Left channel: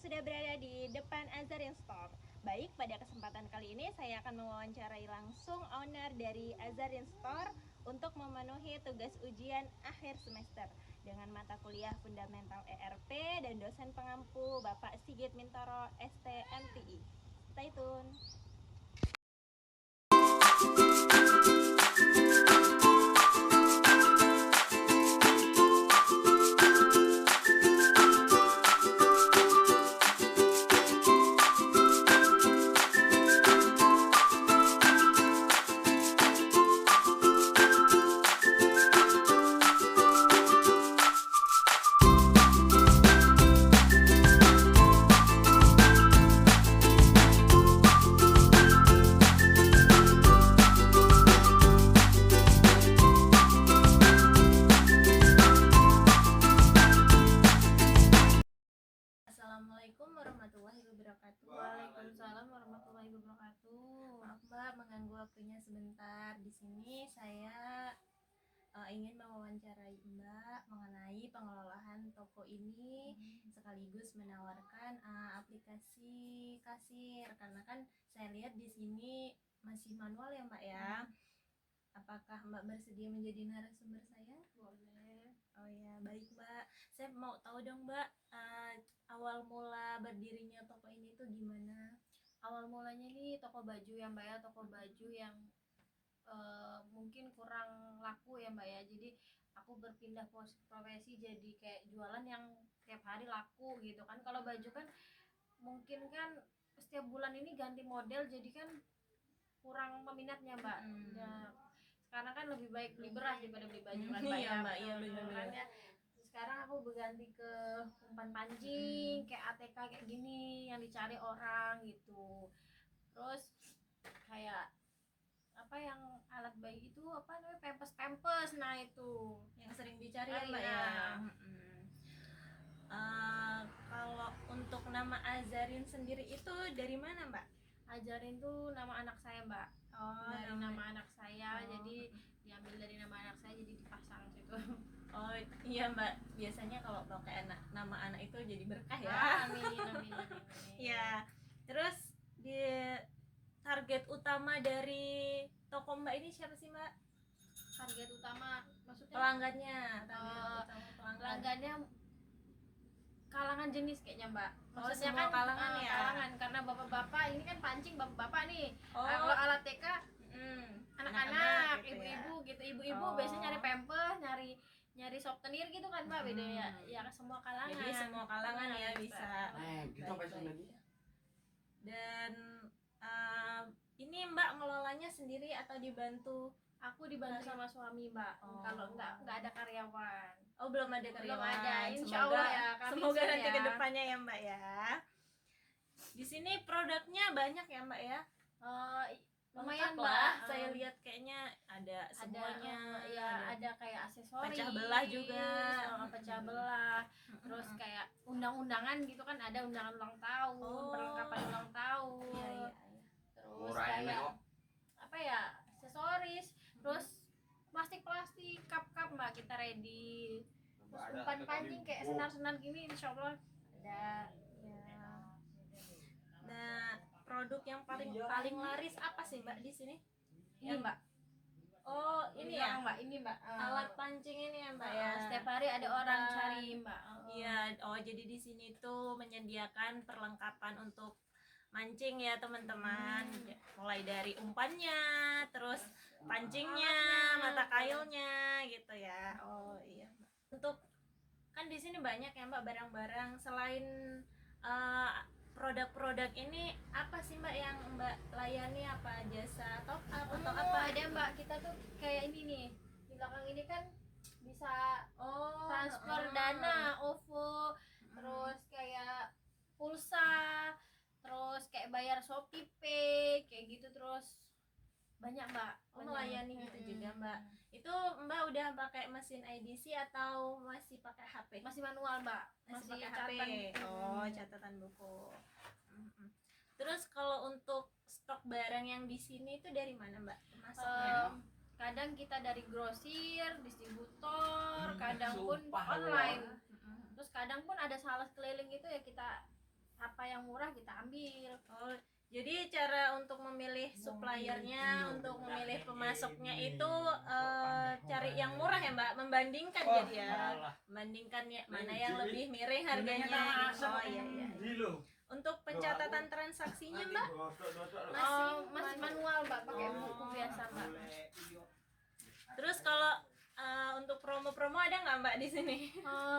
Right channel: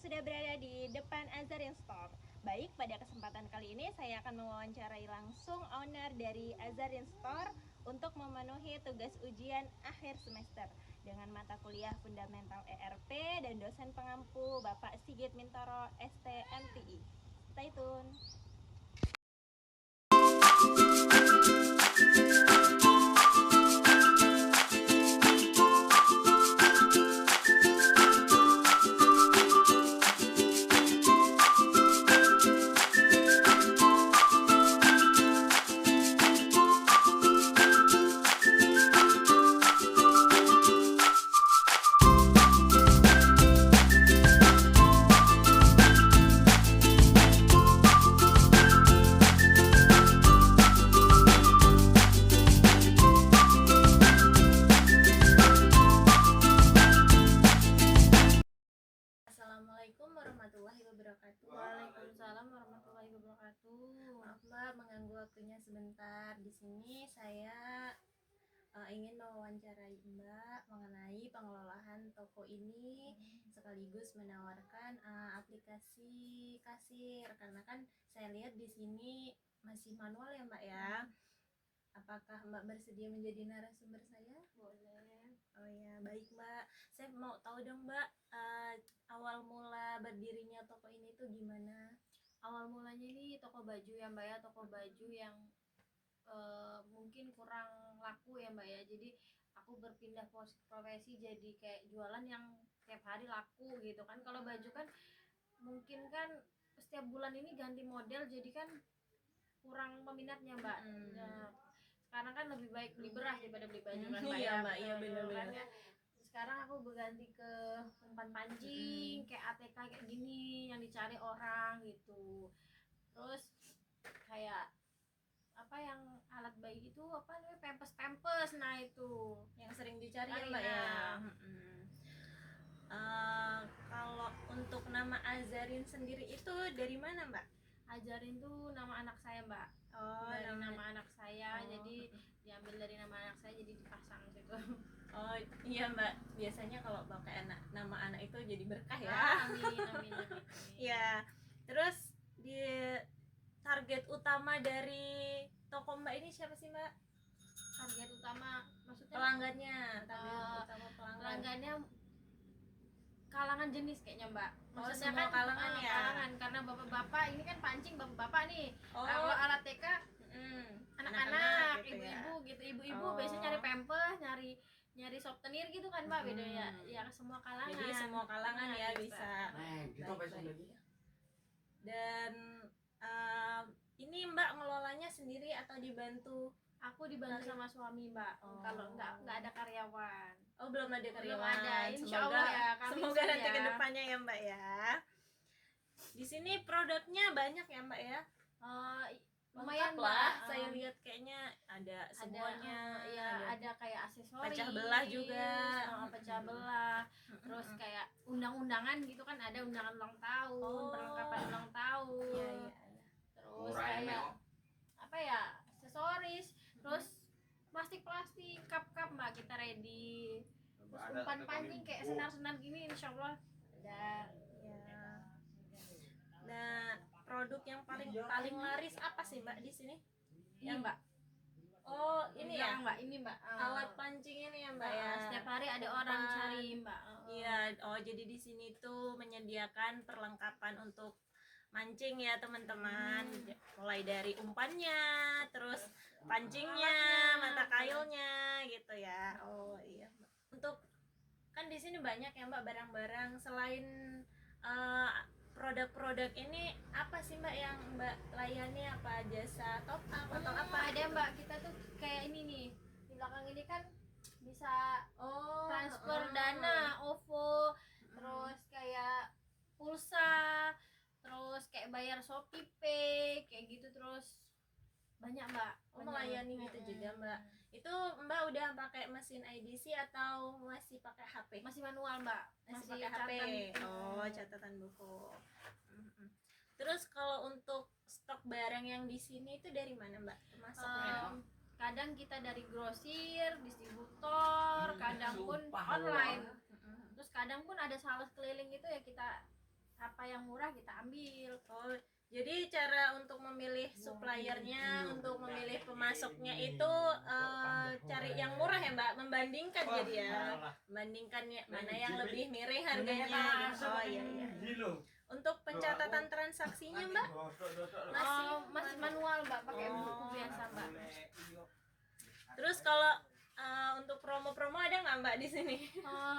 sudah berada di depan Azarian Store. Baik, pada kesempatan kali ini saya akan mewawancarai langsung owner dari Azarian Store untuk memenuhi tugas ujian akhir semester dengan mata kuliah Fundamental ERP dan dosen pengampu Bapak Sigit Mintoro STMTI. Stay tune. Assalamualaikum warahmatullahi wabarakatuh. Waalaikumsalam warahmatullahi wabarakatuh. Maaf Mbak, mengganggu waktunya sebentar. Di sini saya ingin mewawancarai Mbak mengenai pengelolaan toko ini sekaligus menawarkan aplikasi kasir karena kan saya lihat di sini masih manual ya Mbak ya. Apakah Mbak bersedia menjadi narasumber saya? Boleh. Oh ya, baik Mbak. Saya mau tahu dong Mbak, awal mula berdirinya toko ini tuh gimana? Awal mulanya ini toko baju ya Mbak ya, toko baju yang mungkin kurang laku ya Mbak ya. Jadi aku berpindah profesi jadi kayak jualan yang tiap hari laku gitu kan. Kalau baju kan mungkin kan setiap bulan ini ganti model, jadi kan kurang peminatnya Mbak. Nah, sekarang kan lebih baik beli beras daripada beli baju kan Mbak Iya ya. Mbak, iya Betul, benar-benar. kan ya. Sekarang aku berganti ke umpan pancing, kayak ATK kayak gini yang dicari orang gitu. Terus kayak apa yang alat bayi itu apa namanya, pampers, nah itu Yang sering dicari ya Mbak ya. nah. Kalau untuk nama Azarin sendiri itu dari mana Mbak? Ajarin tuh nama anak saya Mbak. Oh, Dari nama anak saya, Oh. jadi diambil dari nama anak saya, jadi dipasang situ. Oh iya Mbak, biasanya kalau pakai nama anak itu jadi berkah ya. Amin. Ya, terus di target utama dari toko Mbak ini siapa sih Mbak? Target utama maksudnya Pelanggannya, target utama pelanggannya kalangan jenis kayaknya Mbak. Maksudnya semua kan kalangan ya. Kalangan, karena bapak-bapak ini kan pancing bapak-bapak nih. Oh. Kalau alat TK anak-anak, gitu ya. ibu-ibu gitu. Ibu-ibu biasanya nyari pampers, nyari souvenir gitu kan Mbak, beda ya. Ya semua kalangan. Jadi semua kalangan ya bisa. Kita lagi. Dan ini Mbak ngelolanya sendiri atau dibantu? Aku dibantu sama suami Mbak. Kalau nggak ada karyawan. Oh, belum ada karyawan. Belum ada. Insya Semoga, Allah ya. Semoga nanti ke depannya ya Mbak ya. Di sini produknya banyak ya Mbak ya. Lumayan Mbak. Mbak. Saya lihat kayaknya ada semuanya. Ada kayak aksesoris. Pecah belah juga. Pecah belah. Terus kayak undang-undangan gitu kan, ada undangan ulang tahun, perlengkapan ulang tahun. Terus kayak apa ya, aksesoris. Terus plastik cup Mbak, kita ready. Terus umpan pancing kayak senar-senar gini, insya Allah ada. Nah, produk yang paling laris apa sih Mbak di sini? Ini Mbak. Oh, ini ya Mbak, ini Mbak. Alat pancing ini ya Mbak ya. Setiap hari ada orang cari Mbak. Iya, jadi di sini tuh menyediakan perlengkapan untuk mancing ya teman-teman. Mulai dari umpannya, terus pancingnya, mata kailnya gitu ya. Oh iya Mbak. Untuk kan di sini banyak ya Mbak barang-barang selain produk-produk ini, apa sih Mbak yang Mbak layani? Apa jasa top up atau apa? Ada Mbak, kita tuh kayak ini nih. Di belakang ini kan bisa transfer dana, OVO, terus kayak pulsa, terus kayak bayar Shopee Pay, kayak gitu, terus banyak Mbak. Melayani gitu juga Mbak. Itu Mbak udah pakai mesin IDC atau masih pakai HP? Masih manual Mbak. Masih pakai HP. Catatan buku. Terus kalau untuk stok barang yang di sini itu dari mana Mbak? Masuknya? Kadang kita dari grosir, distributor, kadang pun online. Terus kadang pun ada sales keliling itu ya, kita apa yang murah kita ambil. Oh, jadi cara untuk memilih suppliernya, untuk memilih pemasoknya itu cari yang murah ya Mbak, membandingkan jadi ya, membandingkan ya, mana yang lebih miring harganya gitu. Oh iya iya. Untuk pencatatan transaksinya Mbak Masih manual Mbak, pakai Oh. buku biasa Mbak. Terus kalau untuk promo-promo ada nggak Mbak di sini?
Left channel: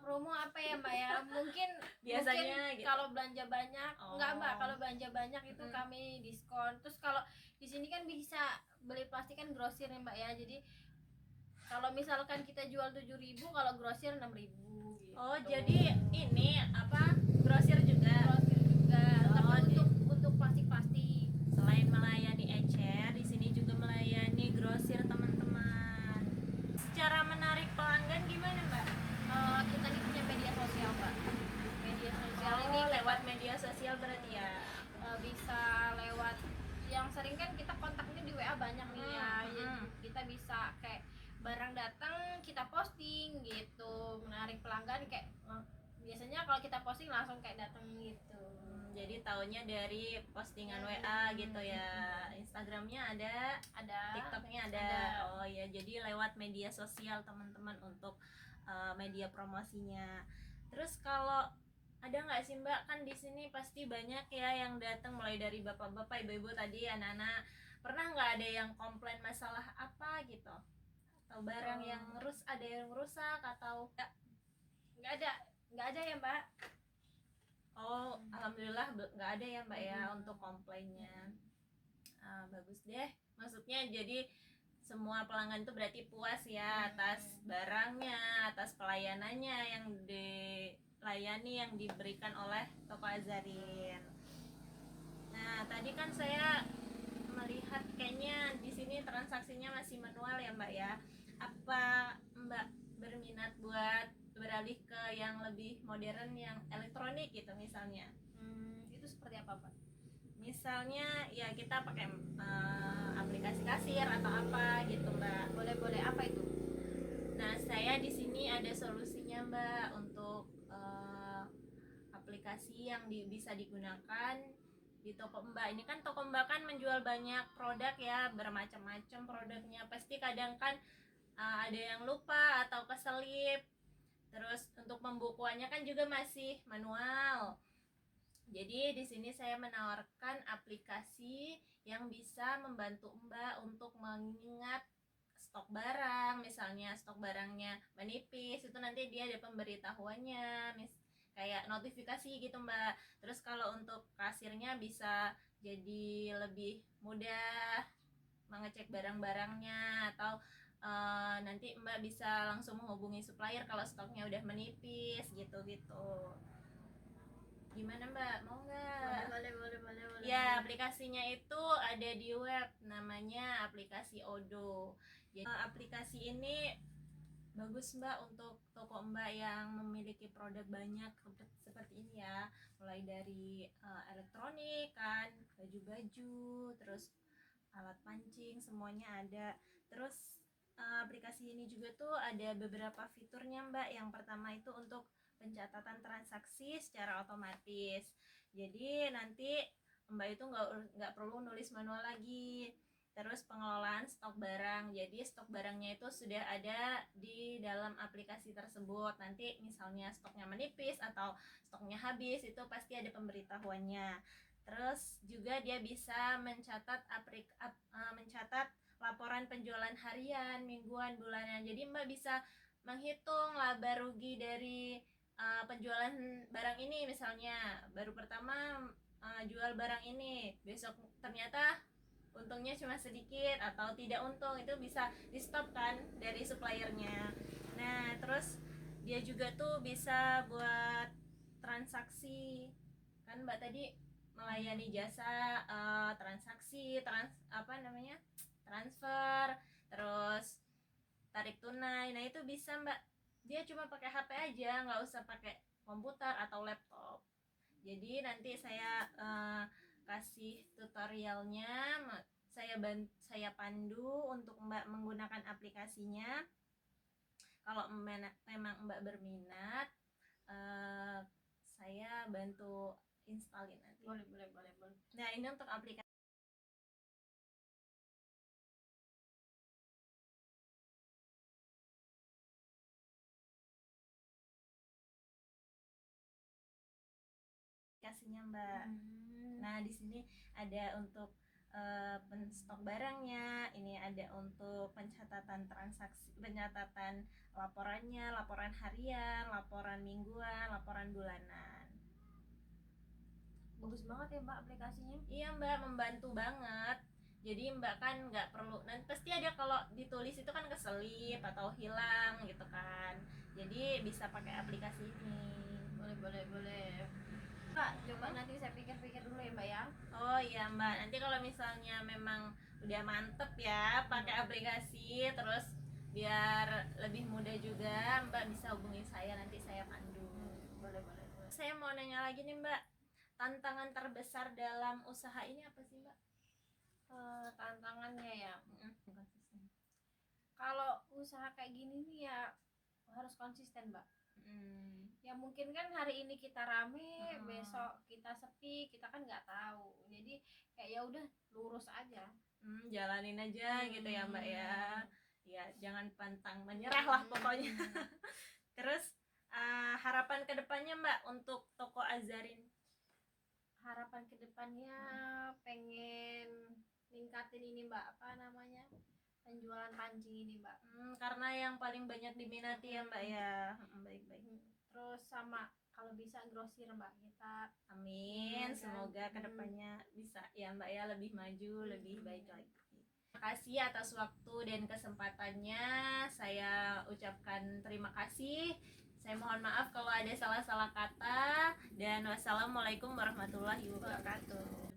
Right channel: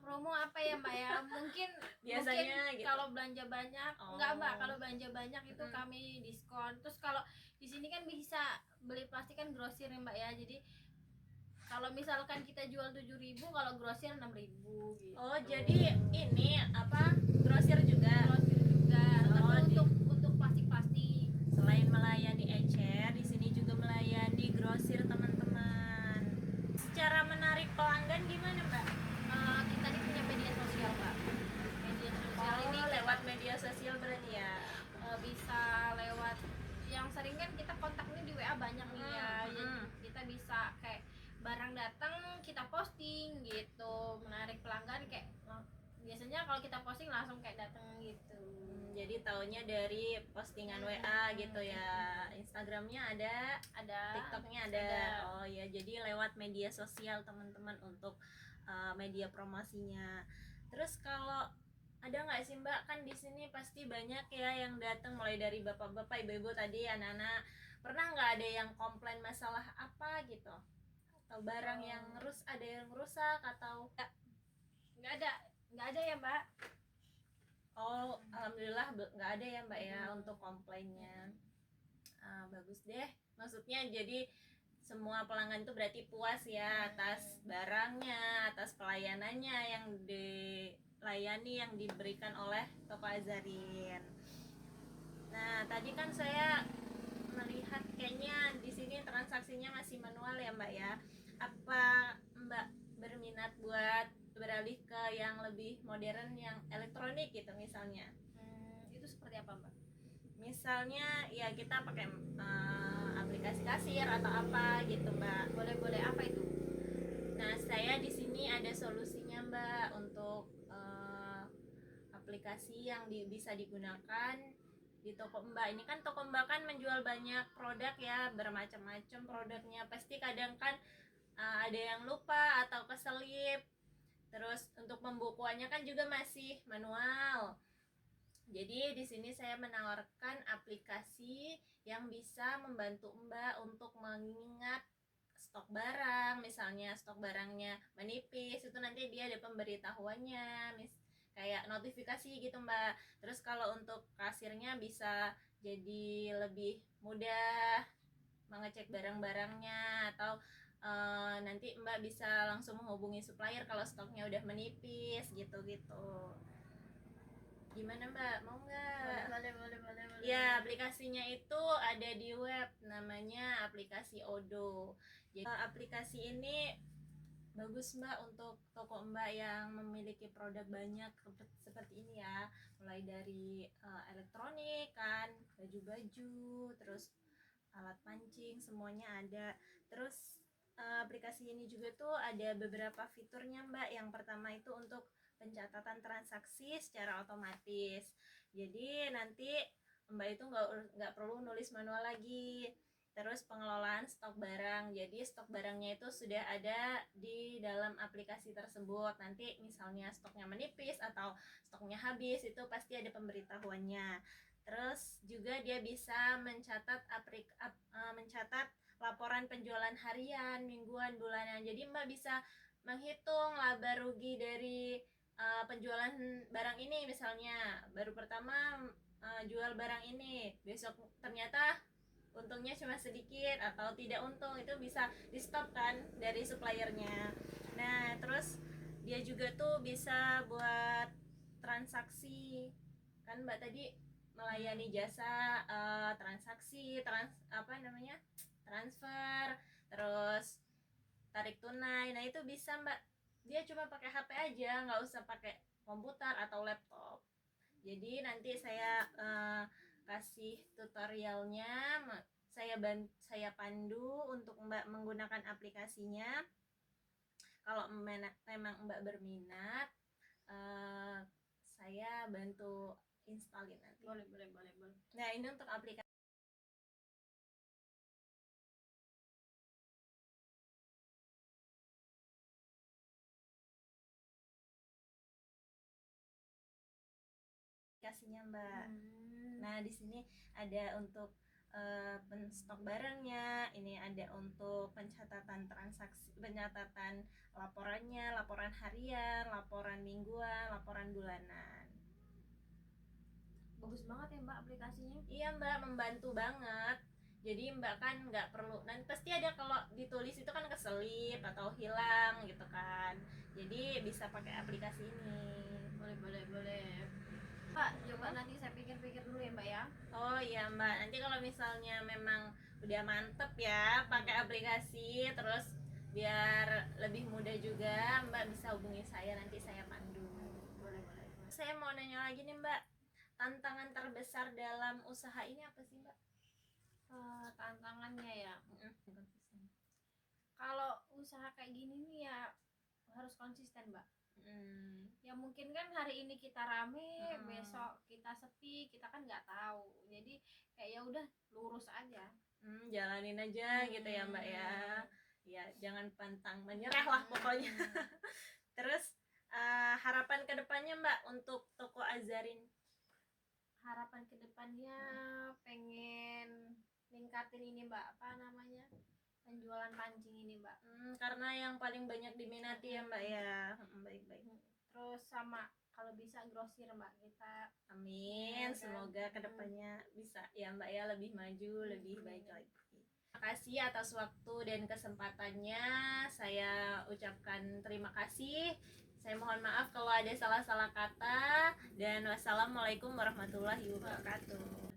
Promo apa ya Mbak ya? Mungkin Biasanya gitu. kalau belanja banyak, enggak Mbak, Oh. kalau belanja banyak itu kami diskon. Terus kalau di sini kan bisa beli plastik kan grosir ya Mbak ya. Jadi kalau misalkan kita jual 7.000, kalau grosir 6.000 gitu. Oh, jadi ini apa? Grosir juga. Grosir juga. Oh, Tapi untuk plastik-plastik. Selain melayani ecer, di sini juga melayani grosir teman-teman. Secara menarik pelanggan gimana Mbak? Kita ini punya media sosial Mbak. Media sosial ini lewat media sosial berarti ya. Bisa lewat, yang sering kan kita kontaknya di WA banyak nih ya. Jadi kita bisa kayak barang datang kita posting gitu, menarik pelanggan kayak biasanya kalau kita posting langsung kayak datang gitu. Jadi taunya dari postingan WA gitu ya. Instagramnya ada, TikToknya ada. Oh ya, jadi lewat media sosial teman-teman untuk media promosinya. Terus kalau ada nggak sih Mbak, kan di sini pasti banyak ya yang datang, mulai dari bapak-bapak, ibu-ibu tadi, anak-anak. Pernah nggak ada yang komplain masalah apa gitu? Atau barang yang ada yang rusak atau nggak ada ya Mbak. Oh, alhamdulillah nggak ada ya Mbak ya untuk komplainnya. Bagus deh, maksudnya jadi semua pelanggan itu berarti puas ya atas barangnya, atas pelayanannya yang dilayani, yang diberikan oleh Toko Azarin. Nah, tadi kan saya melihat kayaknya di sini transaksinya masih manual ya Mbak ya. Apa Mbak berminat buat beralih ke yang lebih modern, yang elektronik gitu misalnya? Itu seperti apa Mbak? Misalnya ya kita pakai aplikasi kasir atau apa gitu Mbak. Boleh apa itu? Nah, saya di sini ada solusinya Mbak untuk aplikasi yang bisa digunakan di toko Mbak. Ini kan toko Mbak kan menjual banyak produk ya, bermacam-macam produknya. Pasti kadang kan ada yang lupa atau keselip. Terus untuk pembukuannya kan juga masih manual. Jadi di sini saya menawarkan aplikasi yang bisa membantu Mbak untuk mengingat stok barang. Misalnya stok barangnya menipis, itu nanti dia ada pemberitahuannya, kayak notifikasi gitu Mbak. Terus kalau untuk kasirnya bisa jadi lebih mudah mengecek barang-barangnya, atau nanti Mbak bisa langsung menghubungi supplier kalau stoknya udah menipis gitu-gitu. Gimana Mbak, mau nggak? Boleh. Ya, aplikasinya itu ada di web, namanya aplikasi Odo. Jadi aplikasi ini bagus Mbak untuk toko Mbak yang memiliki produk banyak seperti ini ya, mulai dari elektronik kan, baju-baju, terus alat pancing, semuanya ada. Terus aplikasi ini juga tuh ada beberapa fiturnya Mbak. Yang pertama itu untuk pencatatan transaksi secara otomatis. Jadi nanti Mbak itu nggak perlu nulis manual lagi. Terus pengelolaan stok barang, jadi stok barangnya itu sudah ada di dalam aplikasi tersebut. Nanti misalnya stoknya menipis atau stoknya habis, itu pasti ada pemberitahuannya. Terus juga dia bisa mencatat laporan penjualan harian, mingguan, bulanan. Jadi Mbak bisa menghitung laba rugi dari penjualan barang ini. Misalnya baru pertama jual barang ini, besok ternyata untungnya cuma sedikit atau tidak untung, itu bisa di stop kan dari suppliernya. Nah, terus dia juga tuh bisa buat transaksi kan Mbak tadi melayani jasa transaksi transfer, terus tarik tunai. Nah, itu bisa Mbak, dia cuma pakai HP aja, nggak usah pakai komputer atau laptop. Jadi nanti saya kasih tutorialnya, saya pandu untuk Mbak menggunakan aplikasinya. Kalau memang Mbak berminat, saya bantu instalin nanti. Boleh. Nah, ini untuk aplikasinya Mbak. Nah, di sini ada untuk penstok barangnya, ini ada untuk pencatatan transaksi, pencatatan laporannya, laporan harian, laporan mingguan, laporan bulanan. Bagus banget ya Mbak aplikasinya. Iya Mbak, membantu banget. Jadi Mbak kan nggak perlu, nanti pasti ada kalau ditulis itu kan keselip atau hilang gitu kan. Jadi bisa pakai aplikasi ini. Boleh. Mbak, coba nanti saya pikir-pikir dulu ya Mbak ya. Oh iya Mbak, nanti kalau misalnya memang udah mantep ya pakai aplikasi, terus biar lebih mudah juga, Mbak bisa hubungi saya, nanti saya pandu. Boleh. Saya mau nanya lagi nih Mbak, tantangan terbesar dalam usaha ini apa sih Mbak? Tantangannya ya, kalau usaha kayak gini nih ya harus konsisten Mbak. Ya mungkin kan hari ini kita rame, besok kita sepi, kita kan nggak tahu. Jadi kayak ya udah lurus aja. Jalanin aja gitu ya Mbak ya. Ya jangan pantang menyerah lah pokoknya. Terus harapan kedepannya Mbak untuk toko Azarin? Harapan kedepannya pengen ningkatin ini Mbak, apa namanya, penjualan pancing ini Mbak. Karena yang paling banyak diminati ya Mbak ya. Baik. Terus sama kalau bisa grosir Mbak kita. Amin. Semoga kedepannya bisa ya Mbak ya, lebih maju, lebih baik lagi. Terima kasih atas waktu dan kesempatannya. Saya ucapkan terima kasih. Saya mohon maaf kalau ada salah-salah kata, dan wassalamualaikum warahmatullahi wabarakatuh.